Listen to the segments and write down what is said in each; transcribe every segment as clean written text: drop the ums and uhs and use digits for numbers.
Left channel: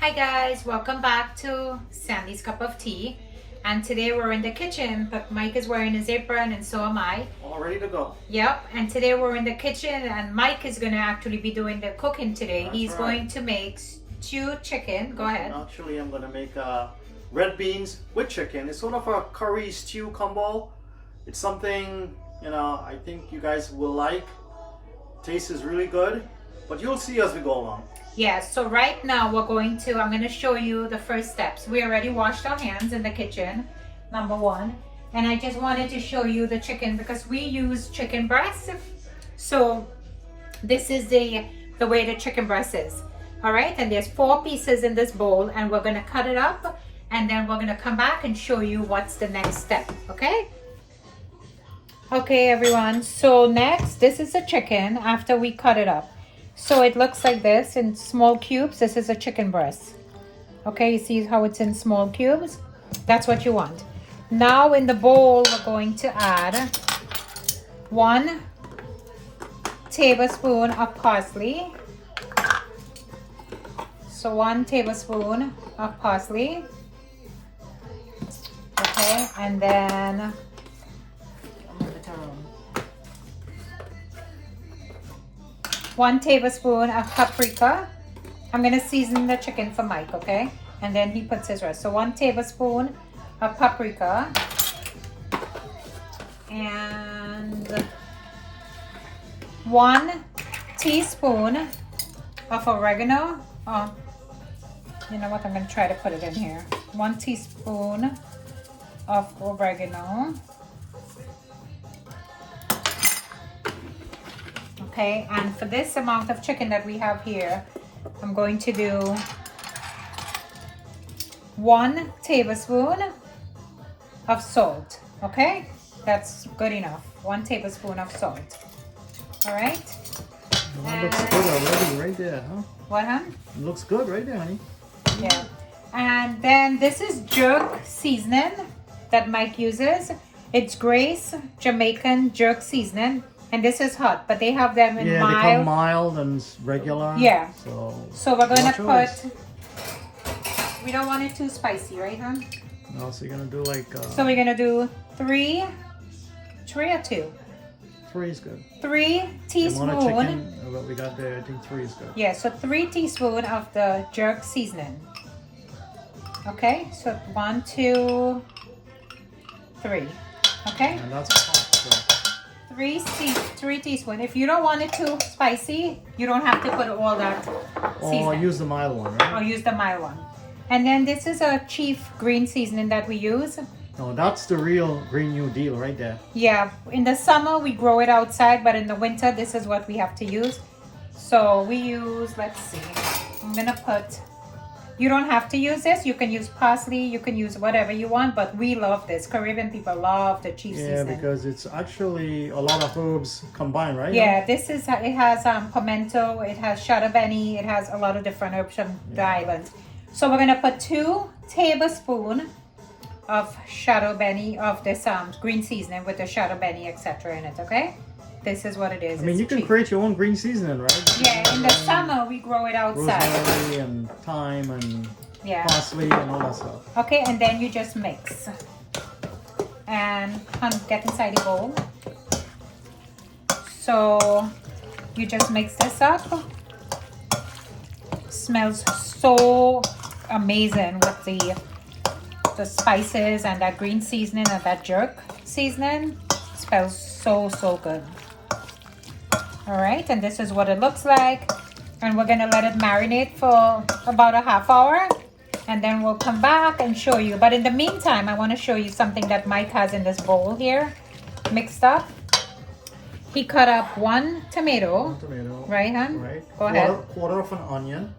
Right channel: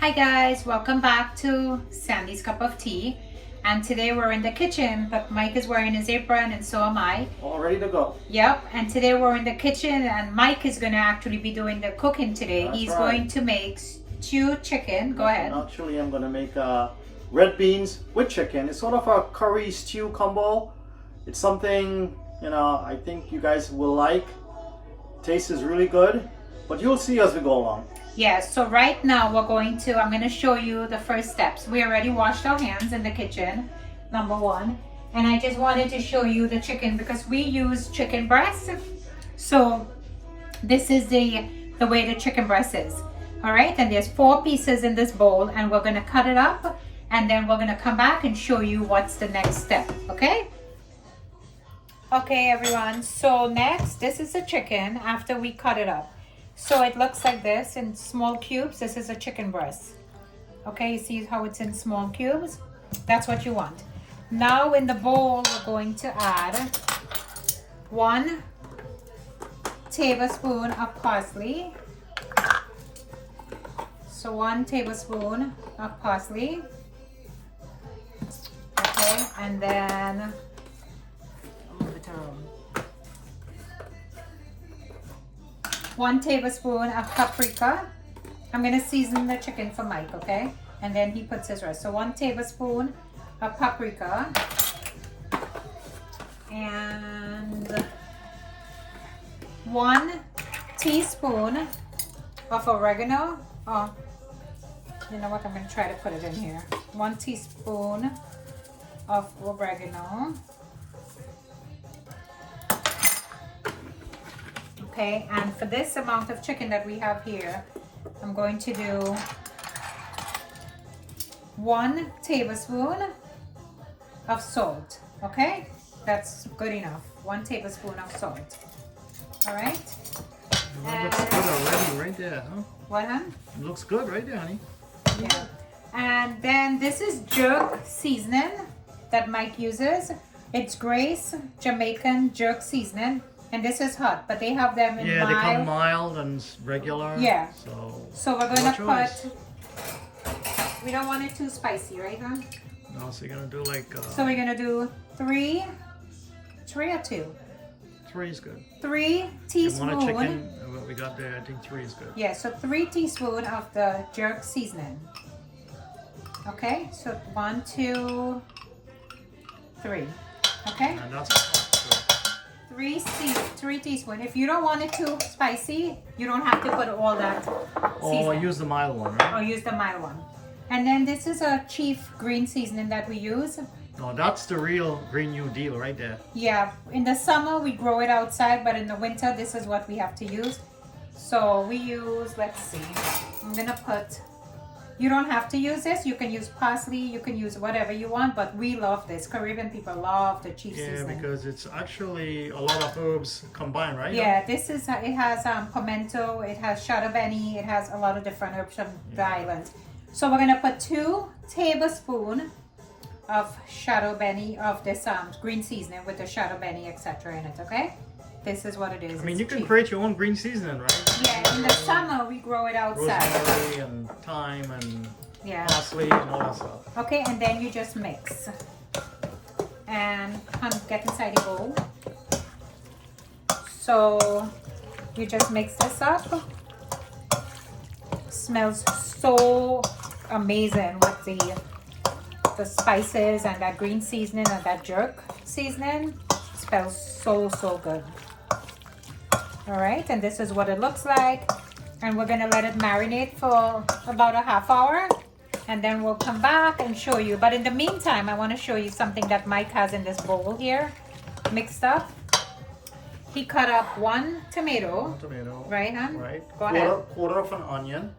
Hi guys, welcome back to Sandy's Cup of Tea. And today we're in the kitchen, but Mike is wearing his apron and so am I. All ready to go. Yep, and today we're in the kitchen and Mike is going to actually be doing the cooking today. That's He's right. going to make stewed chicken. Go ahead. Actually, I'm going to make red beans with chicken. It's sort of a curry stew combo. It's something, I think you guys will like. Taste is really good, but you'll see as we go along. Yes, so right now I'm going to show you the first steps. We already washed our hands in the kitchen, number one. And I just wanted to show you the chicken because we use chicken breast. So this is the way the chicken breast is. All right, and there's 4 pieces in this bowl and we're gonna cut it up and then we're gonna come back and show you what's the next step, okay? Okay, everyone, so next, this is the chicken after we cut it up. So it looks like this in small cubes. This is a chicken breast. Okay, you see how it's in small cubes? That's what you want. Now in the bowl, we're going to add 1 tablespoon of parsley. So 1 tablespoon of parsley. Okay, and then I'll move it around. 1 tablespoon of paprika. I'm gonna season the chicken for Mike, okay? And then he puts his rest. So 1 tablespoon of paprika and 1 teaspoon of oregano. Oh, you know what? I'm gonna try to put it in here. 1 teaspoon of oregano. Okay, and for this amount of chicken that we have here, I'm going to do 1 tablespoon of salt. Okay, that's good enough. 1 tablespoon of salt. All right. That looks good already, right there, huh? What, hon? It looks good right there, honey. Yeah. And then this is jerk seasoning that Mike uses. It's Grace Jamaican jerk seasoning. And this is hot, but they have them in mild. Yeah, they come mild and regular. Yeah. So we're gonna choice. We don't want it too spicy, right, hon? No, so you're gonna do like. So we're gonna do 3 or 2? 3 is good. 3 teaspoon. You want a chicken? What we got there, I think 3 is good. Yeah, so 3 teaspoon of the jerk seasoning. Okay, so 1, 2, 3. Okay. And that's hot. So. 3 teaspoon. If you don't want it too spicy, you don't have to put all that seasoning. Or use the mild one, right? Or use the mild one. And then this is a chief green seasoning that we use. No, that's the real Green New Deal right there. Yeah, in the summer we grow it outside, but in the winter this is what we have to use. So we use, let's see, I'm gonna put, you don't have to use this, you can use parsley, you can use whatever you want, but we love this. Caribbean people love the chief seasoning. Yeah, because it's actually a lot of herbs combined, right? Yeah, this is, it has pimento, it has shadow benny, it has a lot of different herbs from the island. So we're gonna put 2 tablespoons of shadow benny, of this green seasoning with the shadow benny, etc. in it, okay? This is what it is. I mean, it's you can cheap. create your own green seasoning, right? Yeah, in the summer we grow it outside. Rosemary and thyme and parsley and all that stuff. Okay, and then you just mix. And get inside the bowl. So you just mix this up. Smells so amazing with the spices and that green seasoning and that jerk seasoning. Smells so good. All right, and this is what it looks like, and we're gonna let it marinate for about a half hour, and then we'll come back and show you. But in the meantime, I want to show you something that Mike has in this bowl here mixed up. He cut up 1 tomato. 1 tomato. Right, hon? Right. Go ahead. Quarter of an onion.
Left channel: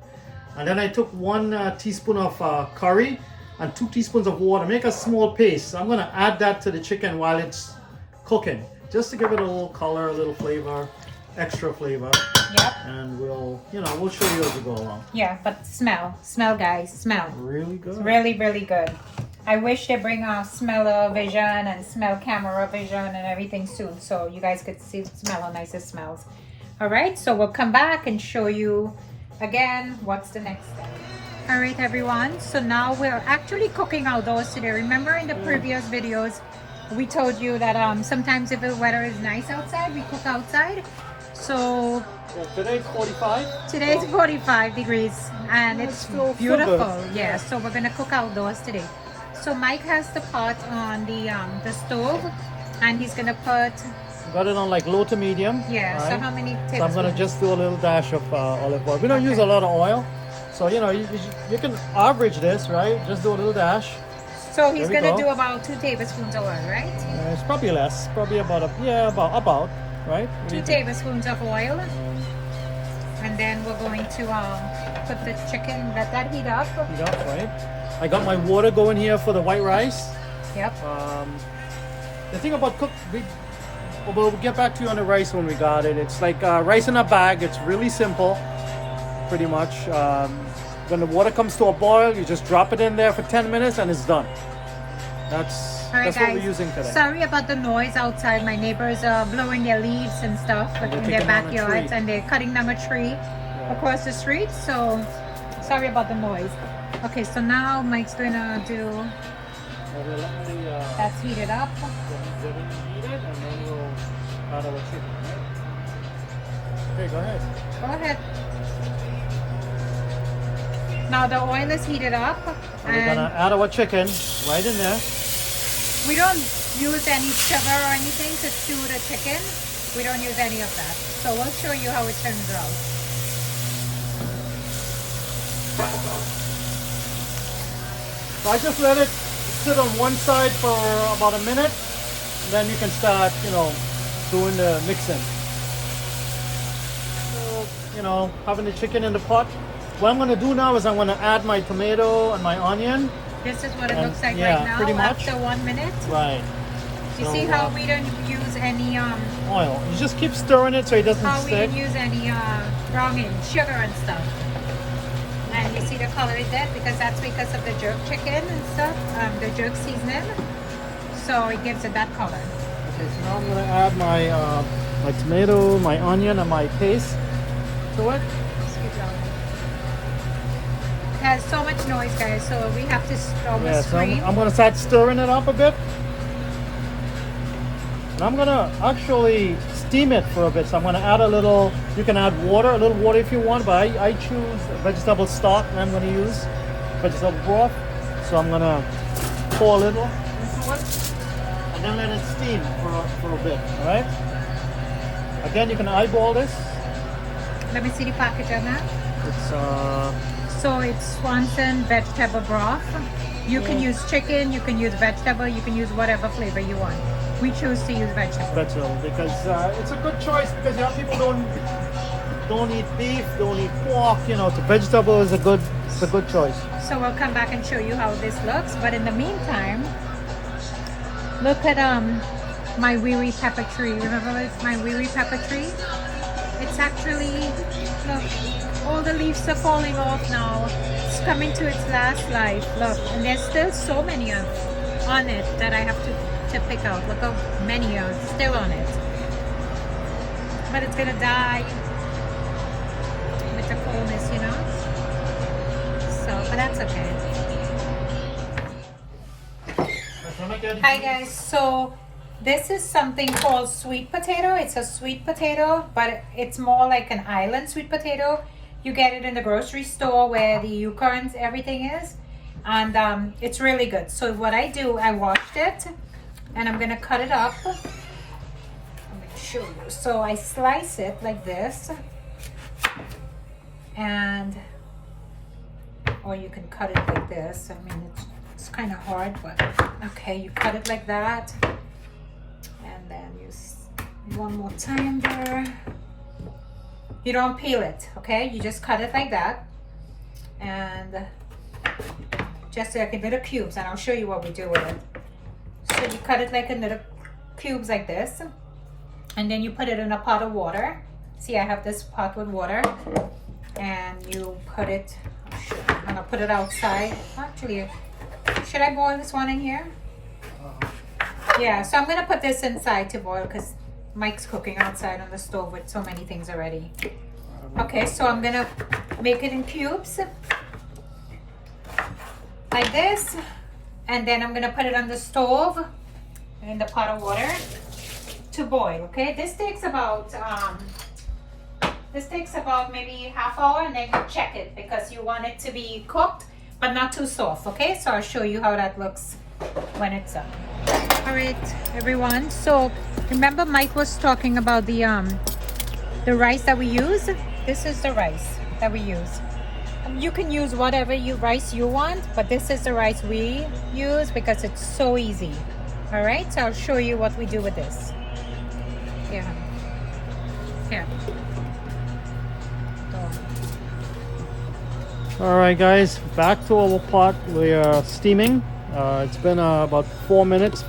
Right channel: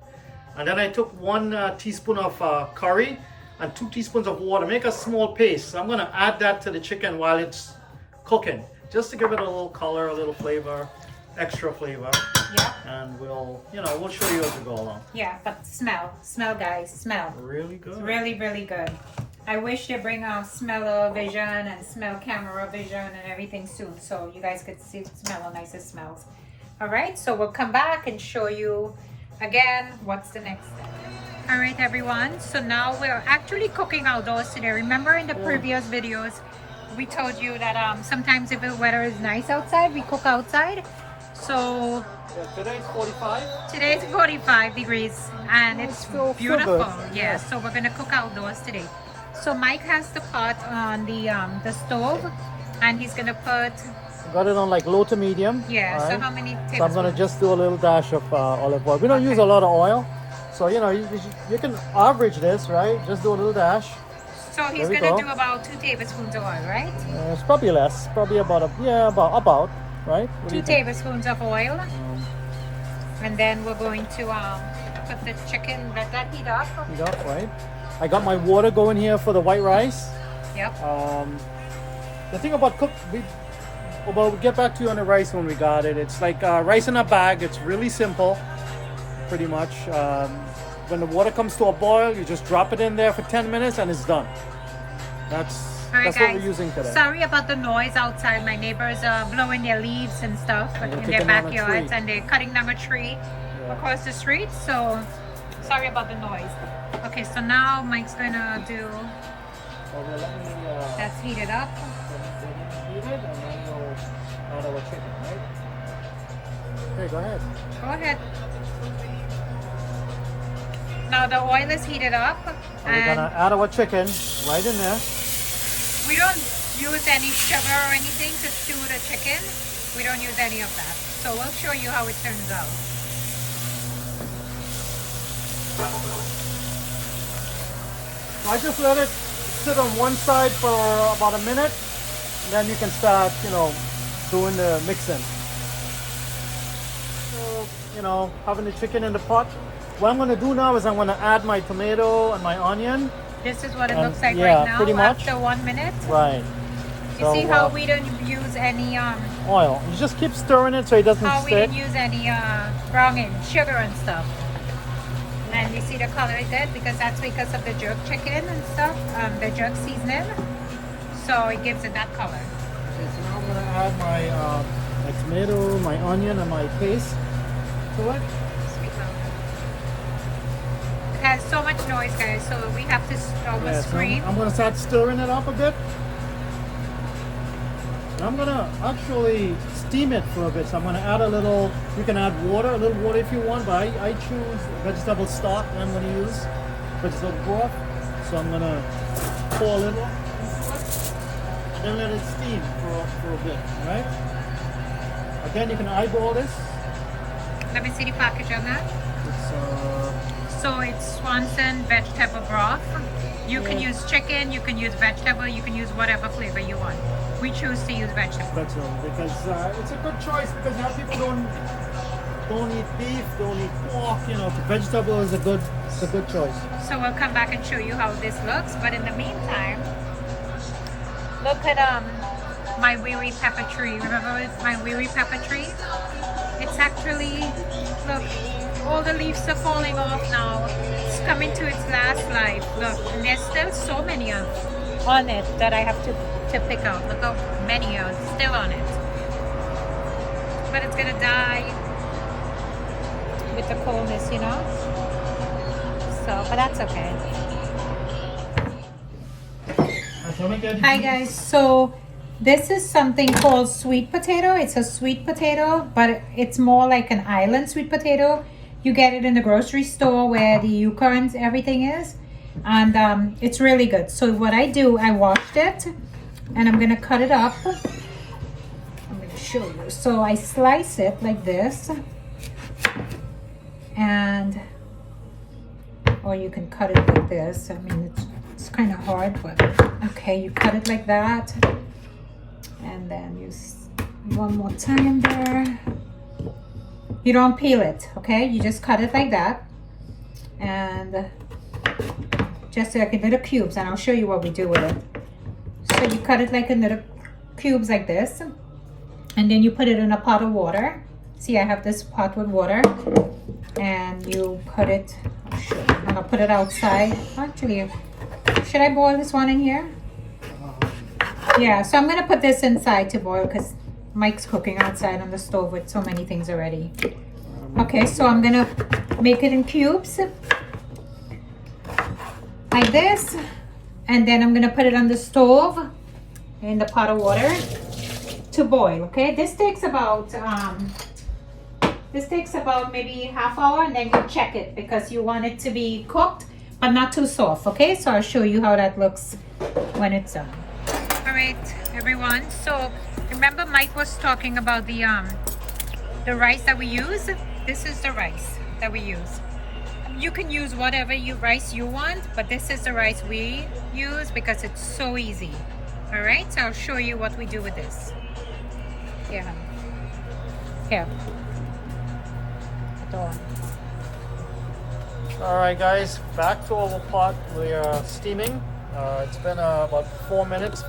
And then I took 1 teaspoon of curry and 2 teaspoons of water. Make a small paste. So I'm going to add that to the chicken while it's cooking, just to give it a little color, a little flavor, extra flavor. Yep. And we'll show you as we go along. Yeah, but smell, guys, smell. Really good. It's really good. I wish they bring a smell-o-vision and smell camera vision and everything soon, so you guys could see smell how nice it smells. All right, so we'll come back and show you again, what's the next step? All right, everyone. So now we're actually cooking outdoors today. Remember in the previous videos, we told you that sometimes if the weather is nice outside, we cook outside. So Today's 45. today's 45 degrees and it's still beautiful. good. Yeah, so we're gonna cook outdoors today. So Mike has the pot on the stove, and he's gonna put, Got it on like low to medium. yeah. So alright? how many tablespoons? So I'm gonna just do a little dash of olive oil. We don't use a lot of oil, so you know you can average this, right? Just do a little dash. So he's There we gonna go. do about 2 tablespoons of oil, right? It's probably less, probably about about right. What do 2 you think? tablespoons of oil, and then we're going to put the chicken. Let that heat up. Heat up, right? I got my water going here for the white rice. Yep. The thing about we'll get back to you on the rice when we got it. It's like rice in a bag. It's really simple, pretty much. When the water comes to a boil, you just drop it in there for 10 minutes and it's done. That's All right, what guys. we're using today. Sorry about the noise outside. My neighbors are blowing their leaves and stuff And they're in their taking down a backyards, tree. and they're cutting down a tree across the street. So sorry about the noise. Okay, so now Mike's gonna do. That's heated up. Okay, go ahead. Go ahead. Now the oil is heated up, And we're gonna add our chicken right in there. we don't use any sugar or anything to stew the chicken. We don't use any of that. So we'll show you how it turns out. So I just let it sit on one side for about a minute, and then you can start, doing the mixing. So, having the chicken in the pot. What I'm gonna do now is I'm gonna add my tomato and my onion. This is what it And looks like yeah, right now pretty much. after 1 minute. Right. You So, see how we don't use any oil. You just keep stirring it so it doesn't how we stick. didn't use any browning, sugar and stuff. And you see the color is dead because that's because of the jerk chicken and stuff, the jerk seasoning. So it gives it that color. Okay, so now I'm gonna add my tomato, my onion, and my paste to it. It has so much noise, guys, so we have to almost Yeah, so scream. I'm gonna start stirring it up a bit. And I'm gonna actually steam it for a bit. So I'm gonna add you can add a little water if you want, but I choose vegetable stock that I'm gonna use, vegetable broth. So I'm gonna pour a little into it, and then let it steam for a bit, all right? Again, you can eyeball this. Let me see the package on that. It's So it's Swanson vegetable broth. You can use chicken, you can use vegetable, you can use whatever flavor you want. We choose to use vegetable. vegetable because it's a good choice because a lot of people don't eat beef, don't eat pork. The vegetable is a good choice. So we'll come back and show you how this looks. But in the meantime, look at my wee wee pepper tree. Remember my wee wee pepper tree? It's actually, look, all the leaves are falling off now. It's coming to its last life. Look, and there's still so many on it that I have to pick out. Look how many are still on it. But it's gonna die with the coldness, So, but that's okay. Hi guys, so this is something called sweet potato. It's a sweet potato, but it's more like an island sweet potato. You get it in the grocery store where the Yukons, everything is. And it's really good. So what I do, I washed it and I'm gonna cut it up. I'm gonna show you. So I slice it like this, or you can cut it like this. I mean, it's kind of hard, but okay, you cut it like that. And then one more time there. You don't peel it, okay? You just cut it like that. And just like in little cubes, and I'll show you what we do with it. So you cut it like in little cubes like this. And then you put it in a pot of water. See, I have this pot with water. And you put it, I'm gonna put it outside. Actually, should I boil this one in here? Yeah, so I'm gonna put this inside to boil because Mike's cooking outside on the stove with so many things already. Okay, so I'm gonna make it in cubes like this, and then I'm gonna put it on the stove in the pot of water to boil. Okay, this takes about maybe half hour, and then you check it because you want it to be cooked but not too soft. Okay, so I'll show you how that looks when it's done. All right, everyone, so remember Mike was talking about the rice that we use. This is the rice that we use. You can use whatever rice you want, but this is the rice we use because it's so easy. All right, so I'll show you what we do with this. Here. All right, guys, back to our pot. We are steaming. It's been about 5 minutes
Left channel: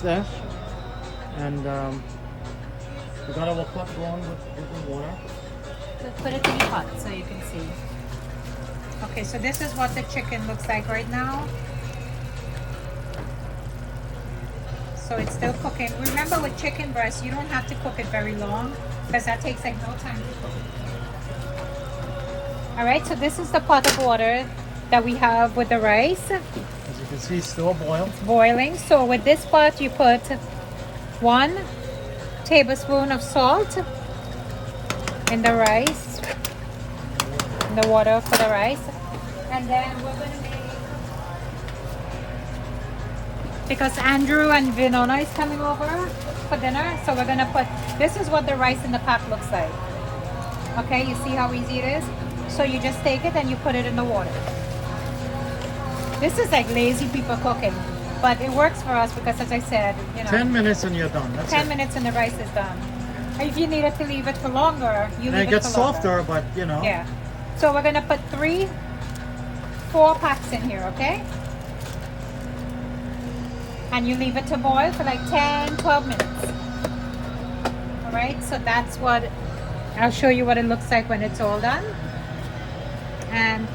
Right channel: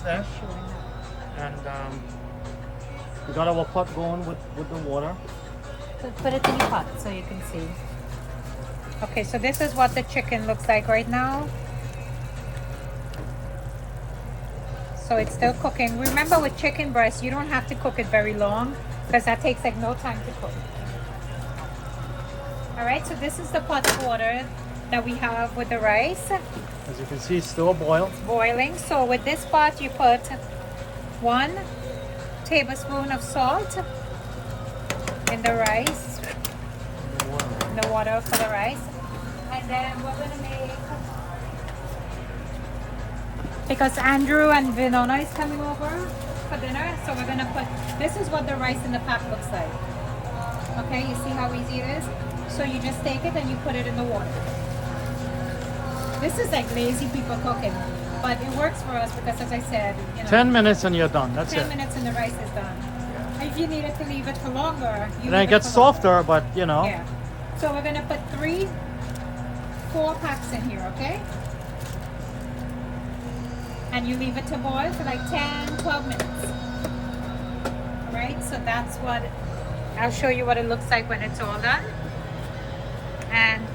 there, and we got our pot going with the water. Put it in the pot so you can see. Okay, so this is what the chicken looks like right now. So it's still cooking. Remember, with chicken breast, you don't have to cook it very long because that takes like no time to cook. All right, so this is the pot of water that we have with the rice. As you can see, it's still boiling. So with this pot, you put 1 tablespoon of salt in the rice, in the water for the rice. And then we're gonna make, because Andrew and Vinona is coming over for dinner, so we're gonna put, this is what the rice in the pot looks like. Okay, you see how easy it is? So you just take it and you put it in the water. This is like lazy people cooking, but it works for us because, as I said, 10 minutes and you're done. That's 10 minutes and the rice is done. If you needed to leave it for longer, you leave it gets softer, but Yeah. So we're gonna put 4 packs in here, okay? And you leave it to boil for like 10-12 minutes. All right, so that's what, I'll show you what it looks like when it's all done. And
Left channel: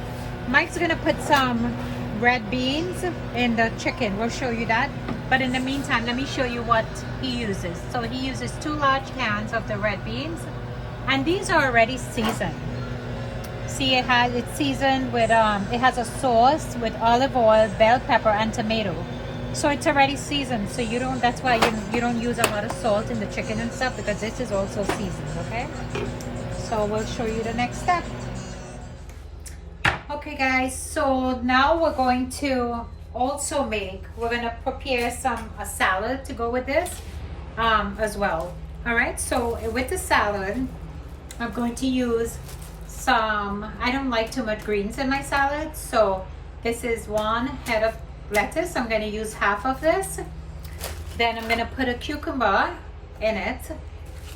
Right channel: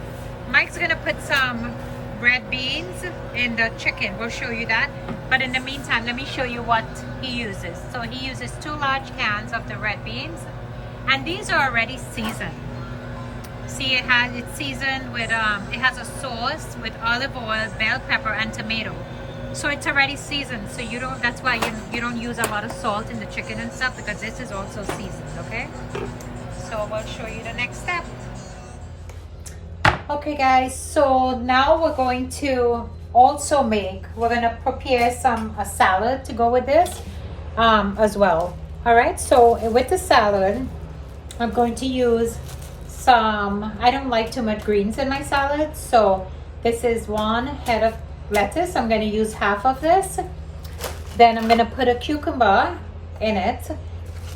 Mike's gonna put some red beans in the chicken. We'll show you that. But in the meantime, let me show you what he uses. So he uses 2 large cans of the red beans, and these are already seasoned. See, it's seasoned with it has a sauce with olive oil, bell pepper, and tomato. So it's already seasoned. So you don't. That's why you don't use a lot of salt in the chicken and stuff, because this is also seasoned. Okay. So we'll show you the next step. Okay, guys. So now we're going to also we're gonna prepare a salad to go with this as well. All right. So with the salad, I'm going to use I don't like too much greens in my salad, so this is 1 head of lettuce. I'm going to use half of this. Then I'm going to put a cucumber in it.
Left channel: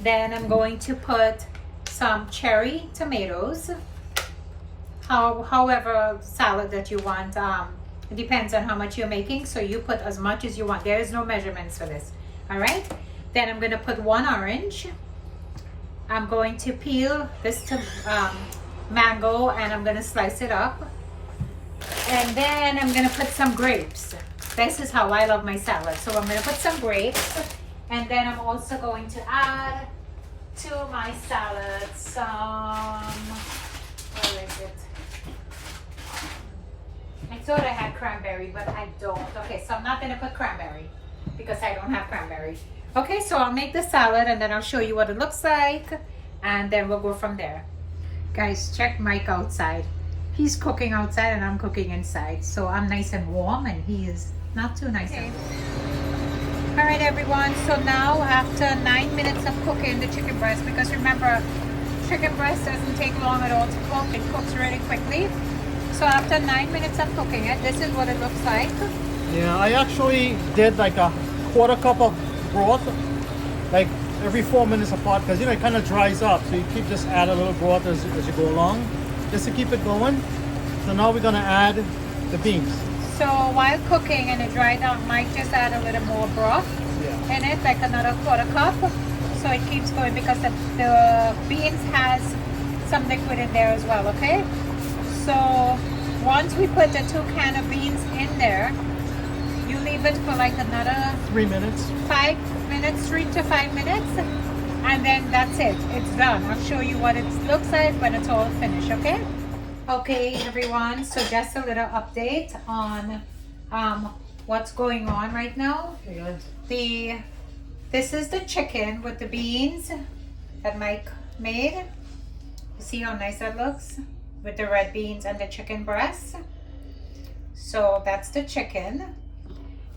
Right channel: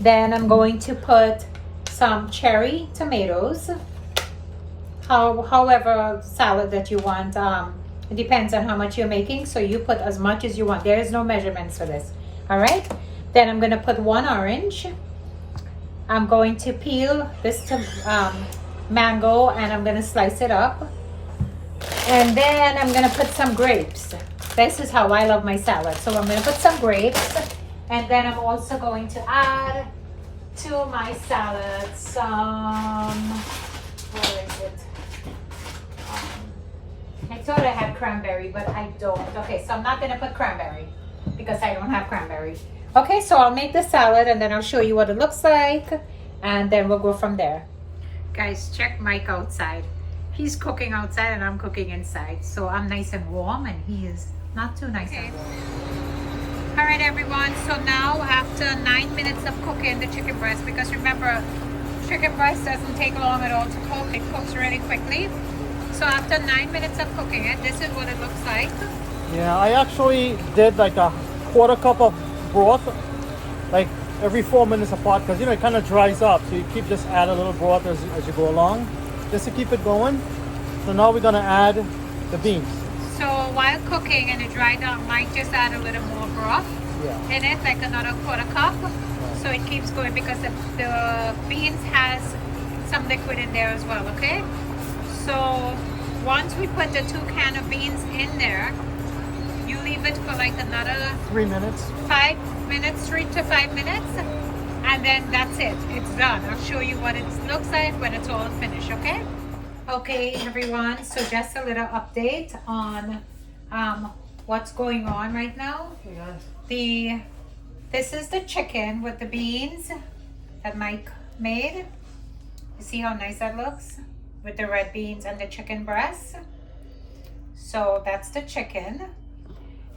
Then I'm going to put some cherry tomatoes. However salad that you want, it depends on how much you're making, so you put as much as you want. There is no measurements for this. All right, then I'm going to put 1 orange. I'm going to peel this mango, and I'm going to slice it up. And then I'm going to put some grapes. This is how I love my salad. So I'm going to put some grapes, and then I'm also going to add to my salad where is it? I thought I had cranberry, but I don't. Okay, so I'm not going to put cranberry because I don't have cranberry. Okay, so I'll make the salad, and then I'll show you what it looks like, and then we'll go from there. Guys, check Mike outside. He's cooking outside and I'm cooking inside. So I'm nice and warm, and he is not too nice and warm. All right, everyone. So now after 9 minutes of cooking the chicken breast, because remember, chicken breast doesn't take long at all to cook. It cooks really quickly. So after 9 minutes of cooking it, this is what it looks like. Yeah, I actually did like a 1/4 cup of broth, like every 4 minutes apart, because it kind of dries up, so you keep just add a little broth as you go along, just to keep it going. So now we're gonna add the beans. So while cooking and it dried out, Mike just add a little more broth in it, like another 1/4 cup. So it keeps going because the beans has some liquid in there as well. Okay. So once we put the 2 cans of beans in there, you leave it for like another 3 minutes. 5 minutes, 3 to 5 minutes. And then that's it. It's done. I'll show you what it looks like when it's all finished, okay? Okay, everyone. So just a little update on what's going on right now. This is the chicken with the beans that Mike made. You see how nice that looks with the red beans and the chicken breast. So that's the chicken.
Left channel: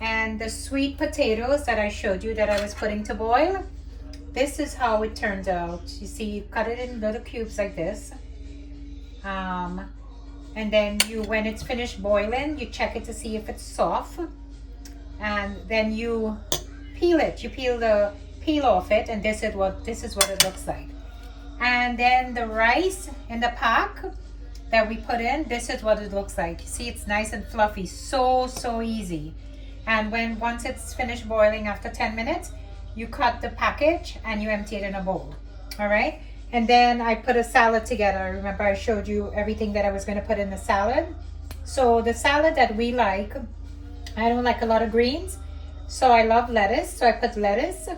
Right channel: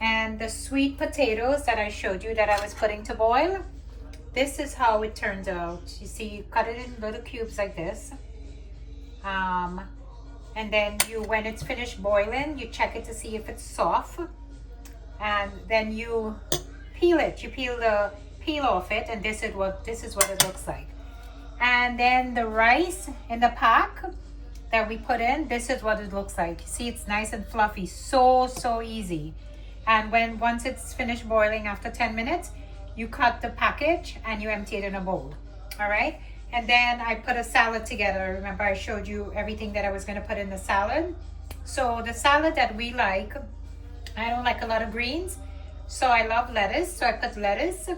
And the sweet potatoes that I showed you that I was putting to boil. This is how it turns out. You see, you cut it in little cubes like this. And then when it's finished boiling, you check it to see if it's soft. And then you peel it. You peel the peel off it, and this is what it looks like. And then the rice in the pack that we put in, this is what it looks like. See, it's nice and fluffy. So easy. And once it's finished boiling after 10 minutes, you cut the package and you empty it in a bowl. All right. And then I put a salad together. Remember I showed you everything that I was going to put in the salad. So the salad that we like, I don't like a lot of greens. So I love lettuce. So I put lettuce.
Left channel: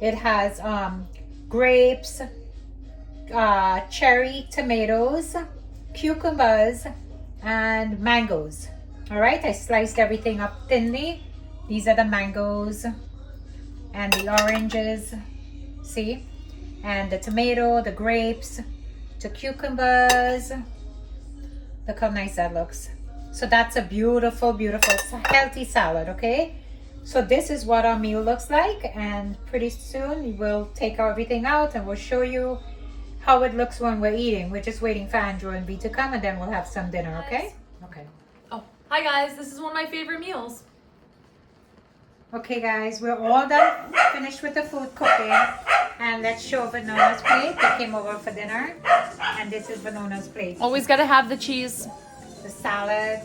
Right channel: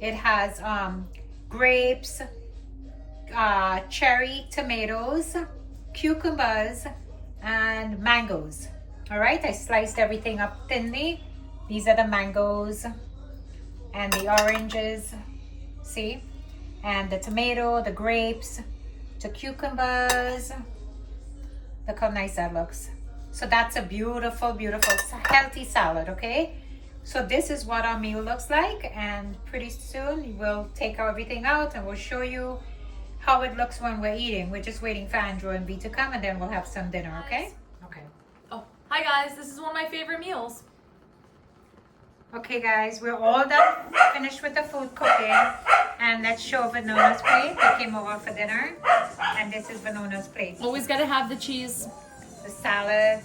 It has grapes, cherry tomatoes, cucumbers, and mangoes. All right. I sliced everything up thinly. These are the mangoes and the oranges. See? And the tomato, the grapes, the cucumbers. Look how nice that looks. So that's a beautiful, healthy salad, okay? So this is what our meal looks like, and pretty soon we'll take everything out and we'll show you how it looks when we're eating. We're just waiting for Andrew and V to come, and then we'll have some dinner, okay? Okay. Oh, hi guys, this is one of my favorite meals. Okay guys, we're all done, finished with the food cooking. And let's show Vanona's plate. They came over for dinner. And this is Vanona's plate. Always gotta have the cheese. The salad,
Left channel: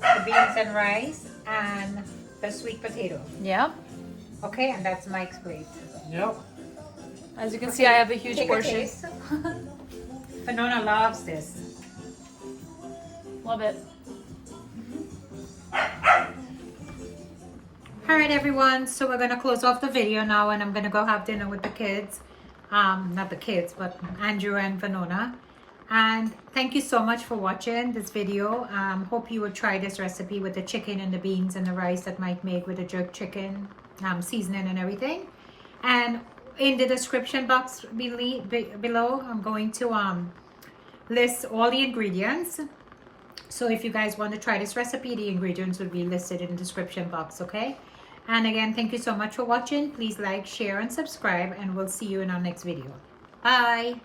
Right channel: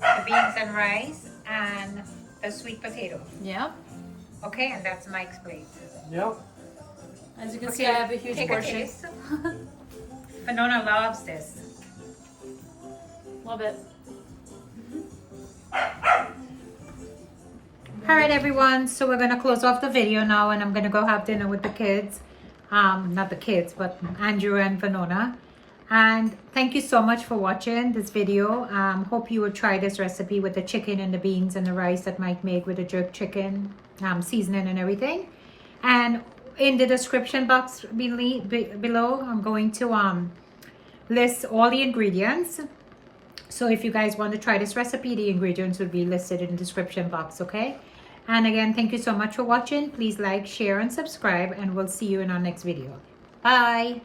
the beans and rice, and the sweet potato. Yeah. Okay, and that's Mike's plate. Yep. As you can see, I have a huge Take portion. A taste. Vanona loves this. Love it. All right, everyone. So we're going to close off the video now, and I'm going to go have dinner with the kids. Not the kids, but Andrew and Vanona. And thank you so much for watching this video. Hope you will try this recipe with the chicken and the beans and the rice that Mike made with the jerk chicken seasoning and everything. And in the description box below, I'm going to list all the ingredients. So if you guys want to try this recipe, the ingredients will be listed in the description box, okay? And again, thank you so much for watching. Please like, share, and subscribe, and we'll see you in our next video. Bye!